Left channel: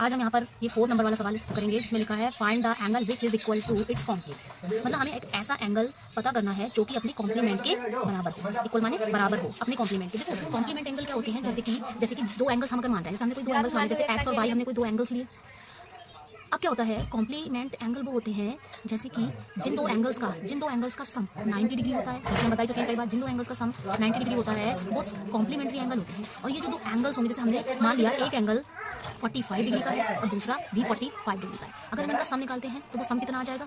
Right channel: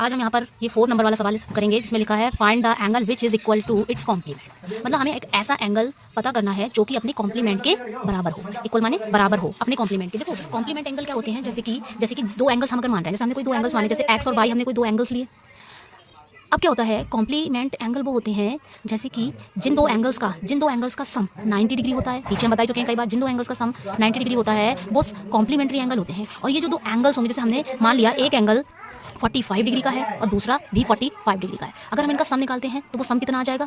आज हम यहाँ पर ये 4 नंबर वाला सवाल करेंगे जिसमें लिखा है find the angle which is equal to its complement. मतलब हमें एक ऐसा एंगल पता करना है जो कि अपने कॉम्प्लीमेंट के बराबर हो। इक्वल माने बराबर हो अपने कॉम्प्लीमेंट के। देखो कॉम्प्लीमेंट एंगल क्या होते हैं, जैसे कि दो एंगल्स हम अगर मान रहे हैं, जैसे हमने कोई दो एंगल्स माने, जैसे एक्स और वाई, हमने कोई दो एंगल्स लिए। अब क्या होता है, कॉम्प्लीमेंट एंगल वो होते हैं जैसे कि जिन दो एंगल्स का सम 90 डिग्री होता है। पीछे हम बता चुके हैं कई बार, जिन दो एंगल्स का सम 90 डिग्री होता है वो कॉम्प्लीमेंट्री एंगल होते हैं। और ये जो दो एंगल्स होंगे, जैसे हमने मान लिया एक एंगल 45 डिग्री का है और दूसरा भी 45 डिग्री का है। अगर हम इनका सम निकालते हैं तो वो सम कितना आ जाएगा,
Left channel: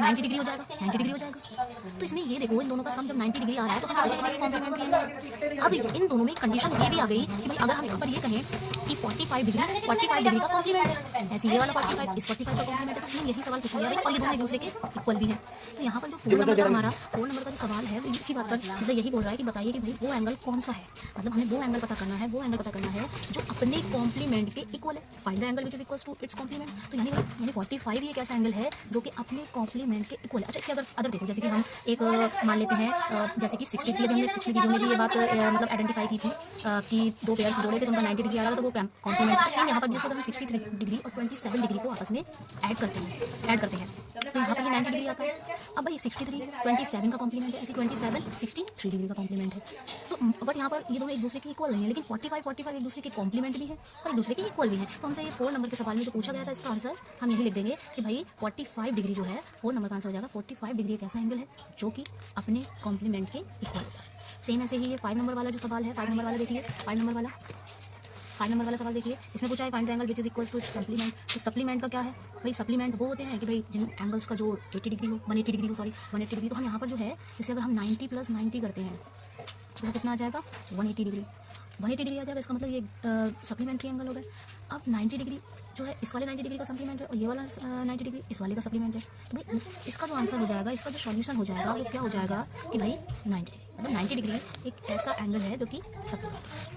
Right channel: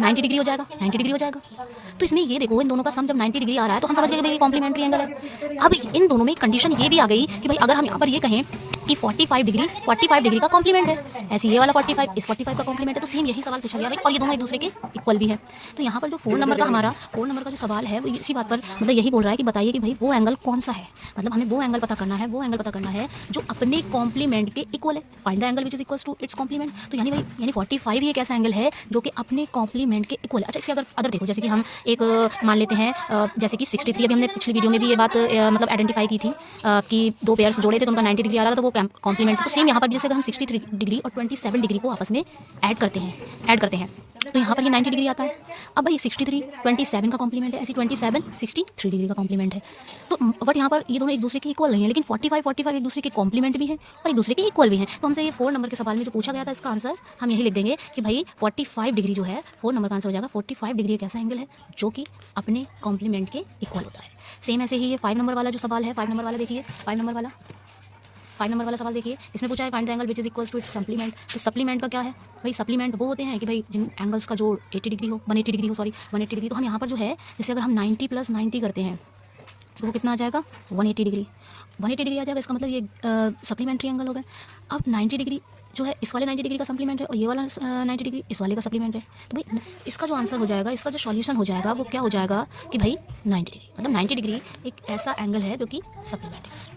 90 डिग्री हो जाएगा। 90 डिग्री हो जाएगा। तो इसमें ये देखो, इन दोनों का सम जब 90 डिग्री आ रहा है तो हम समझ गए भाई कॉम्प्लीमेंट्री एंगल है। अब इन दोनों में कंडीशन ये भी आ गई कि भाई अगर हम यहाँ पर ये कहें कि 45 डिग्री का कॉम्प्लीमेंट है, ऐसे ये वाला 45 इस 45 का कॉम्प्लीमेंट है, तो सेम यही सवाल पूछा गया भाई, और ये दोनों एक दूसरे के इक्वल भी है। तो यहाँ पर जो 4 नंबर का जो सवाल है वो इसी बात पर मतलब यही बोल रहा है कि बताइए कि भाई वो एंगल कौन सा है। मतलब हमें वो एंगल पता करना है जो अपने कॉम्प्लीमेंट के इक्वल है। Find the angle which is equal to its complement. तो यानी 45 ही एक ऐसा एंगल है जो कि अपने कॉम्प्लीमेंट के इक्वल है। अच्छा, इसके अदर देखो, जैसे कि हम एक मान लेते हैं जैसे कि 63, अभी हमने पिछली वीडियो में भी ये बात मतलब आइडेंटिफाई की थी कि दो पेयर्स जोड़े थे तो उनका 90 डिग्री आ रहा था, तो वो कॉम्प्लीमेंट। तो सेम यहाँ पर जैसे अगर हम 63 डिग्री और 27 डिग्री को आपस में ऐड करते हैं तो यहाँ पर ये 90 डिग्री आता है। अब भाई 63 27 का कॉम्प्लीमेंट है, ऐसी 27 63 डिग्री का कॉम्प्लीमेंट है। तो बट यहाँ पर ये दोनों एक दूसरे के इक्वल नहीं है, लेकिन 45 एक दूसरे के कॉम्प्लीमेंट भी है और एक दूसरे के इक्वल भी है। तो हमसे ये 4 नंबर के सवाल में जो पूछा गया था, इसका आंसर हम यही लिख देंगे कि भाई 45 डिग्री जो है, 4 नंबर का आंसर हो जाएगा 45 डिग्री एक ऐसा एंगल है जो कि अपने कॉम्प्लीमेंट के इक्वल होता है। सेम ऐसे ही ये 5 नंबर वाला जो सवाल है, 5 नंबर वाला देखिए, 5 नंबर वाला सवाल देखिए, इसमें पूछा है find the angle which is equal to its supplement. तो सप्लीमेंट का क्या है भाई, सप्लीमेंट वो होते हैं कि भाई जिन एंगल्स का जो 180 डिग्री हो, 180 डिग्री। तो हम यहाँ पर जो है, जैसे अगर हम 90 + 90 करते हैं तो वो कितना आ जाएगा, 180 डिग्री आ जाएगा। इसका मतलब ये सप्लीमेंट्री एंगल हो गया। अब 90 डिग्री जो है इस वाले 90 डिग्री का सप्लीमेंट है और ये वाला 90 डिग्री इस वाले का सप्लीमेंट है। तो भाई इसका जो आंसर हो जाएगा, इसका जो सॉल्यूशन हो जाएगा वो क्या हो जाएगा कि भाई 90 डिग्री, मतलब 90 डिग्री एक ऐसा एंगल है जो कि सप्लीमेंट है।